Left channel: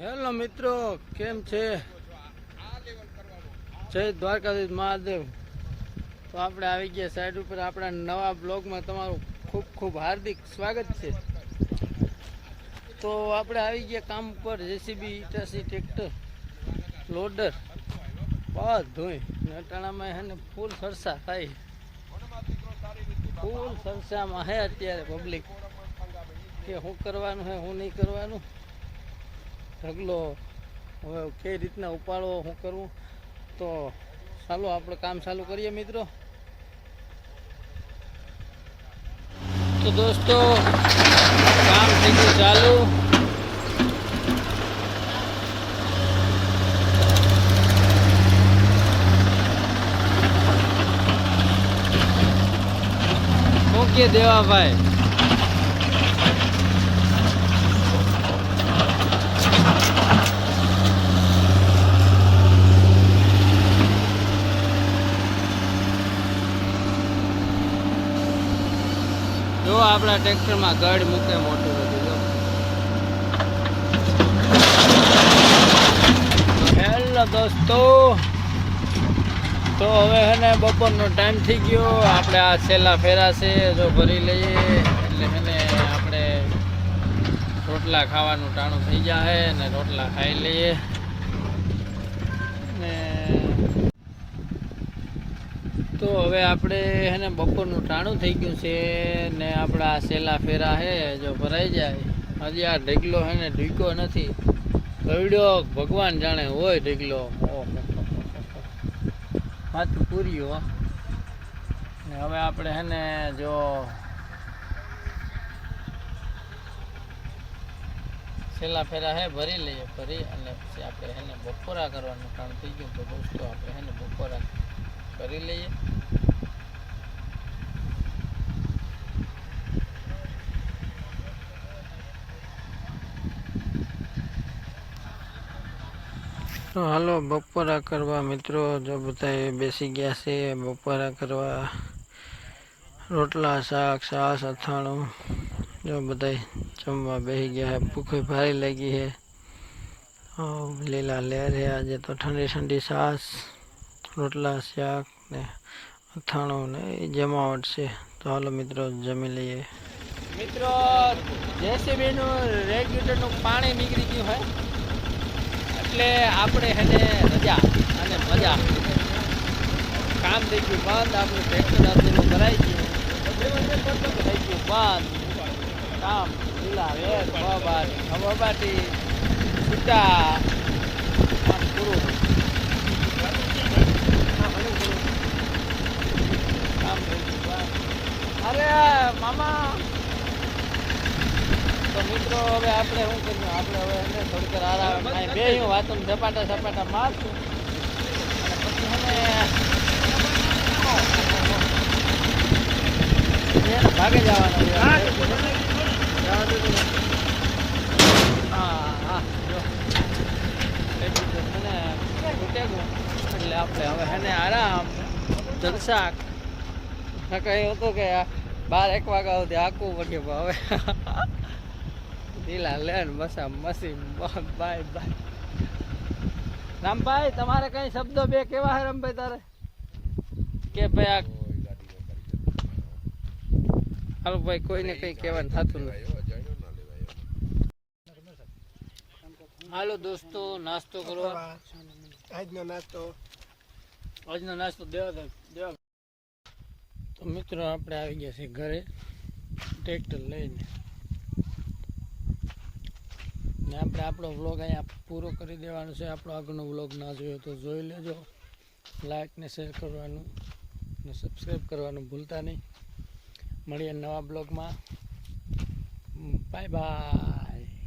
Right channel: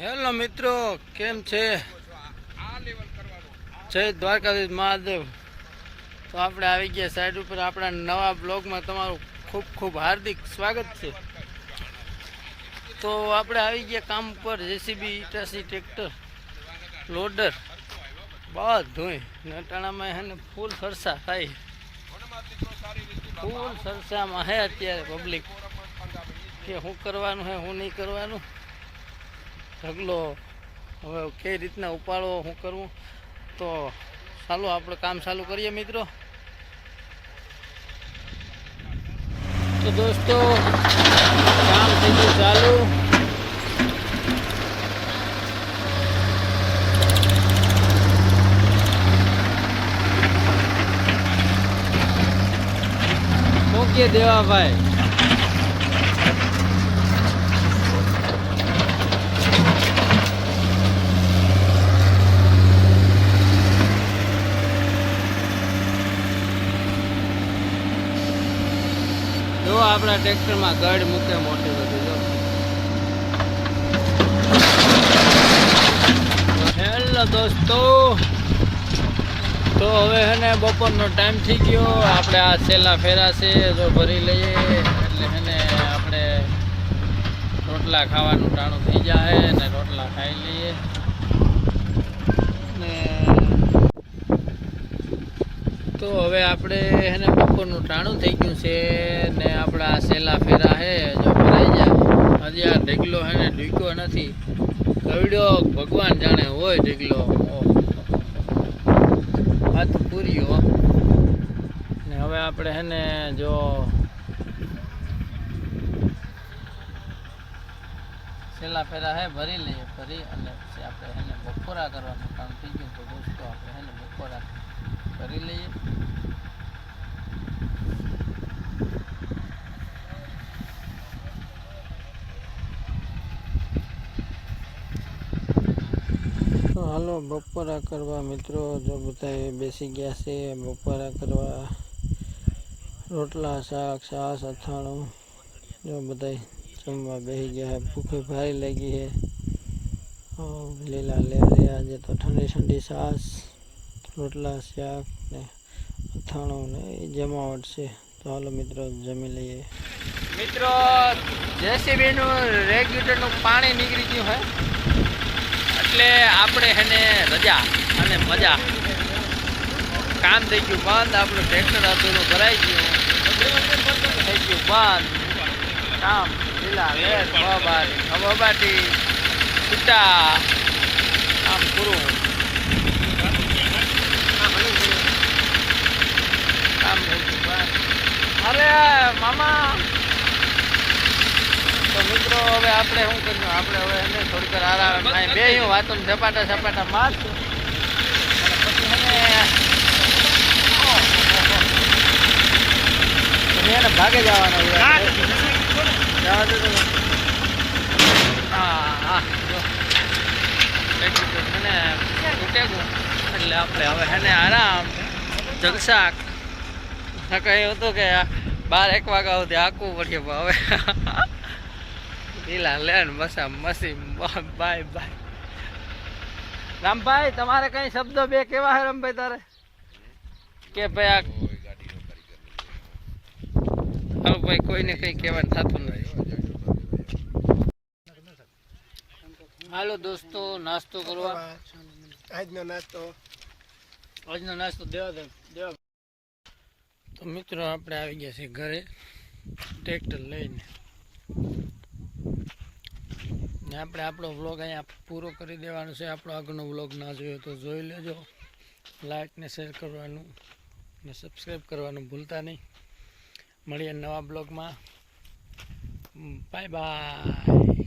Hello મિત્રો, કેમ છે? જય દ્વારકાધીશ મહાદેવ. તો આપણે આવી ગયા સાઈડ ઉપર. આપણા નવા બ્લોગમાં તમારું ખૂબ ખૂબ હાર્દિક સ્વાગત છે. તો આપણે આવી ગયા કામ ઉપર જેસીબી ઇટાસી ટ્રેક્ટર લોડર બધું નટાણામાં હે ને ફૂલ સરસા થાય. ફૂલ સરસામાં હે અત્યારે પબ્લિક કે શું કરવાનું હે શું નહીં કરવાનું? ઢગલો. હવે કઈ રીતના ઉપાડવો શું કરવું તો ચાલો, આપણે કામ ચાલુ કરીએ મિત્રો. તો દોસ્તો, કામ થઈ ગયું ચાલુ. મૂકીએ દેવાભાઈ? જો આપણા ટ્રેક્ટરમાં ગઢ મૂકે મોટી બધી, જો. હેલો દોસ્તો. તો હવે હે ને બપોરનો ટાઈમ થઈ ગયો. આપણે આ છેલ્લા ફેરા છે, જો ભરી લઈએ. એટલે હે ને આપણે રોટલા ખાવાનું ટાણું થઈ જાય અને રોટલા ખાઈ લઈએ ને તો હવે આપણે એને બપોરનું ટાણું થઈ ગયું છે ને આપણા સેલા ફેરા હે, જો ભરાઈ જાય. હજી આ ઢગલો હે ને ઢીકો નથી. કવડ્યો ભગવાન જાણે હોય ઢગલો. ઓહો. વાત પૂરી ને હવે આપણે હે ને જો છેલ્લા ફેરા હે, ભરી લઈએ, ભરી અને પછી આપણે એને બપોરા કરવાનું કામ થઈ ગયું. તો દોસ્તો, આપણે એને બપોરા કરી લઈએ તો હાલો બપોરા કરવા મિત્રો જો બધા બેસી ગયા છે બપોરા કરવા રોટલા શાક છાશ અથાણું જો બધા જમવા બેસી ગયા છે ભૂખે ભારી લાગી છે હા, લીલા લેરે આજે તો ઠંડી ઠંડી છાશ રોટલા શાક ને અથાણું ને જમાવટ છે. તો હાલો મિત્રો, જમી લઈએ. મિત્રો જેસીબી નું રેગ્યુલેટરનું પાણી નીકળી ગયું હોય એટલે આપણે એને રજા અને મજા. કામ થઈ ગયું બંધ, આપણું ટ્રેક્ટર હતું ભરાઈ ગયું. થઈ ગયું બંધ. કામ, લીલા વેર બાબાટી છૂટા આમ પૂરું કામ થઈ ગયું બંધ અરે મામા. તો મિત્રો હવે આપણે શું કર્યું આપણે હવે એને થોડીક આરામ આરામ બે હું વાતો સપાટા સપાટા મારશું. ભાગે જવાના. જવા દો હા હા જો. એટલું આપણે હવે હેને આરામ જગસાક કહ્યું હતું કે બાર એક વાગ્યા સુધી આખું પડ્યું પણ હવે. લીલા લેન મસા મસી બાય બાય. રામભાઈ તમારે કઈ શબ્દો બે કેવા હે રામભાઈ તારે? કે ભાઈ આ હાલો ભાઈ કોઈને કઈ કહેવાનું થતું નથી. હાલો દોસ્તો નાસ્તો કરવા. આજનો નાસ્તો. આજનો નાસ્તો દેવા દે દેવા મિત્રો, આપણે આવી ગયા છીએ ઘરે ટ્રેક્ટર લઈને. ને આપણે આપણો વ્લોગ અહીંયા પૂરો કરી દેવાનો છે. આપણો આગળનો વ્લોગ ના જોયો તો જોઈ લેજો. લાઈક ને શેર કરવાનું ને સબસ્ક્રાઈબ કરવાનું ભૂલતા નહીં. મળીએ નવા બ્લોગમાં બાય બાય.